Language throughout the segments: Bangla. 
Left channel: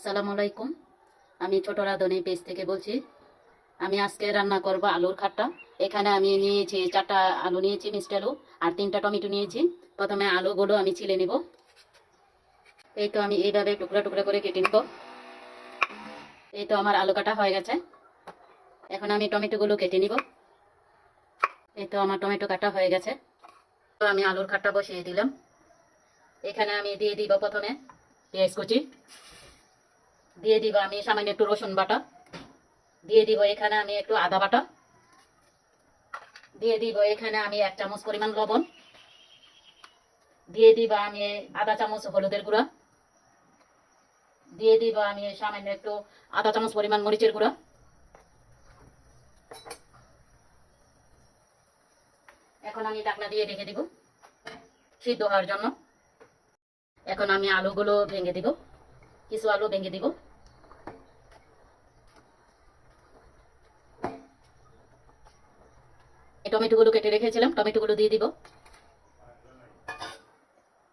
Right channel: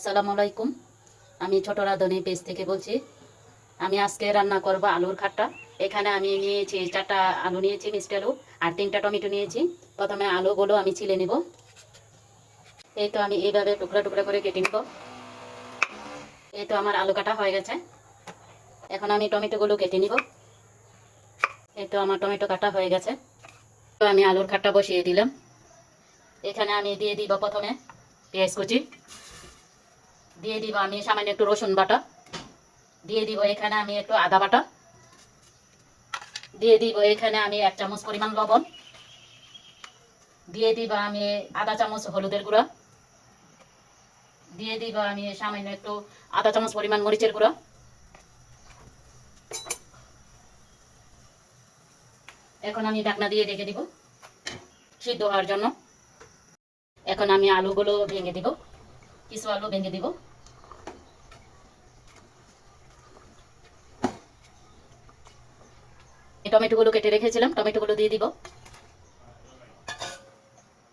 আসসালামু আলাইকুম। আমি ছোট রাঁধুনি পেজ থেকে বলছি। আমি আজকে রান্না করব আলুর খাট্টা। এখানে আমি নিয়েছি 4টা আলু নিয়েছি, মিষ্টি আলু, আর 3টা টমেটো নিয়েছি। প্রথমে আলুগুলো আমি ছিলে নেব। এই তো আমি এইভাবে টুকরা টুকরা করে কেটে নেব। এই তো আমার আলু কাটা হয়ে গেছে। এখন আমি টমেটোগুলো কেটে নিব। এই তো আমার টমেটো কাটা হয়ে গেছে। তো আমি আলুর খাট্টা বসিয়ে দিলাম। এখানে আমি দিয়ে দিব প্রথমে পেঁয়াজ কুচি, দিয়ে দিব আমি সামান্য একটু রসুন বাটা, দিয়ে দিব এখানে আমি একটু আদা বাটা, দিয়ে দিব এখানে আমি 1 চামচ পরিমাণ লবণ, দিয়ে দিব আমি আধা চামচ হলুদের গুঁড়া, দিয়ে দিব আমি সামান্য একটু আধা চামচ পরিমাণ মরিচের গুঁড়া। এখন আমি ঢাকনা দিয়ে রেখে দিব সিদ্ধ হওয়ার জন্য। এখন আমি আলুগুলো ভেঙে দিব, কিছু আলু ভেঙে দিব। টমেটোগুলো কেটে রেখেছিলাম, টমেটোগুলো দিয়ে দিব।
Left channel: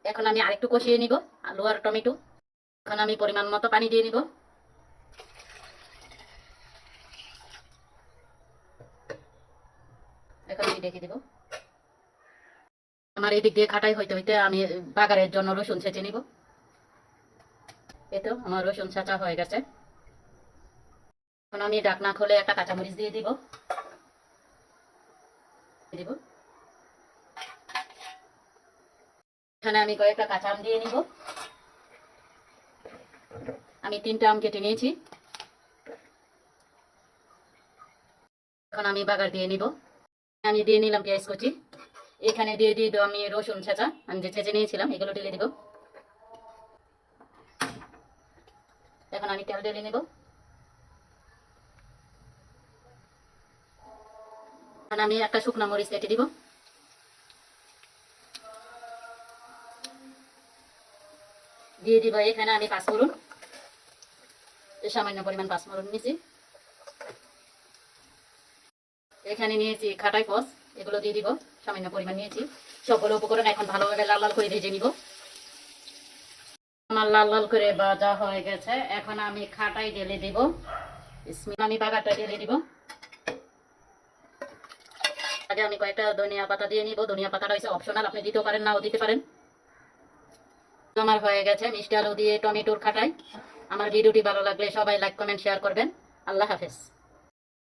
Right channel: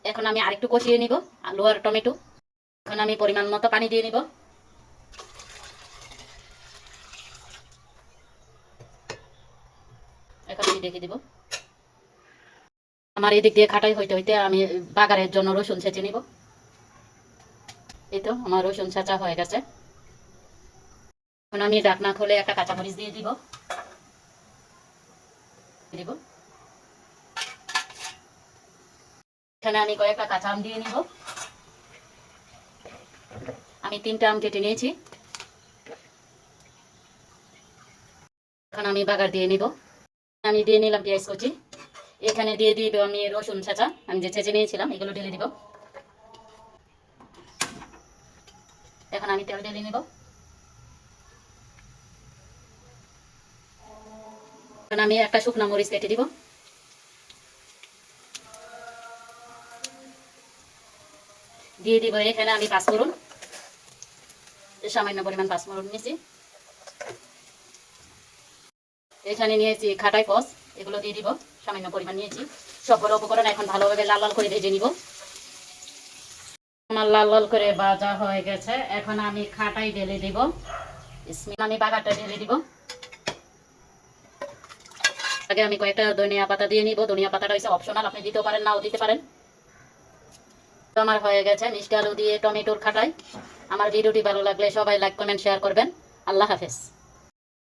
এখন আমি আরেকটু কষিয়ে নিব আলু আর টমেটো। এখন আমি পরিমাণ মতো পানি দিয়ে নিব। এখন আমি ঢেকে দিব। আমার এদিক দিয়ে খাটাই হইতে হইতে আমি বাগারের জন্য রসুন ছেঁচে নিব। এই তো আমার রসুন ছেঁচা হয়ে গেছে। এখন আমি ঢাকনা খুলে একটা কাঁচামরিচ দিয়ে দিব। এখানে আমি কয়েকটা কাঁচা আম দিয়ে নিব। আমি 3টা আম কেটে নিয়েছি। এখন আমি বাগার দিয়ে নিব। আমি দিয়ে নিলাম পেঁয়াজ কুচি। এখানে দিয়ে দিব আমি রসুন ছেঁচা, আমি যে ছেঁচে নিয়েছিলাম এগুলো ঢেলে দিব। এখন আমি তেল ঢেলে নিব। এখন আমি একটা শুকনো মরিচ কেটে দিব। দিয়ে দিব এখানে আমি পাঁচফোড়ন, সামান্য পরিমাণ পাঁচফোড়ন নিয়েছি। এখানে নিয়েছি খাটাই পচ, এগুলো দিয়ে দিব, সামান্য পরিমাণ নিয়েছি। সবগুলো উপকরণ এখন ভালোভাবে লাল লাল করে ভেজে নিব। আমার লাল লাল করে ভাজা হয়ে গেছে। এখন আমি খাটাই ঢেলে দিব। আমি বাগারটা ঢেলে দিব। আগে আমি কয়েকটা ধনিয়া পাতা দিয়ে নিব। ধনিয়া পাতাটা হচ্ছে অপশনাল, আপনি দিতেও পারেন, নাও দিতে পারেন। তো আমার হয়ে গেছে মিষ্টি আলু দিয়ে টমেটোর খাটাই। আমার ভিডিওটি ভালো লাগলে সবাই লাইক কমেন্ট শেয়ার করবেন। আল্লাহ হাফেজ।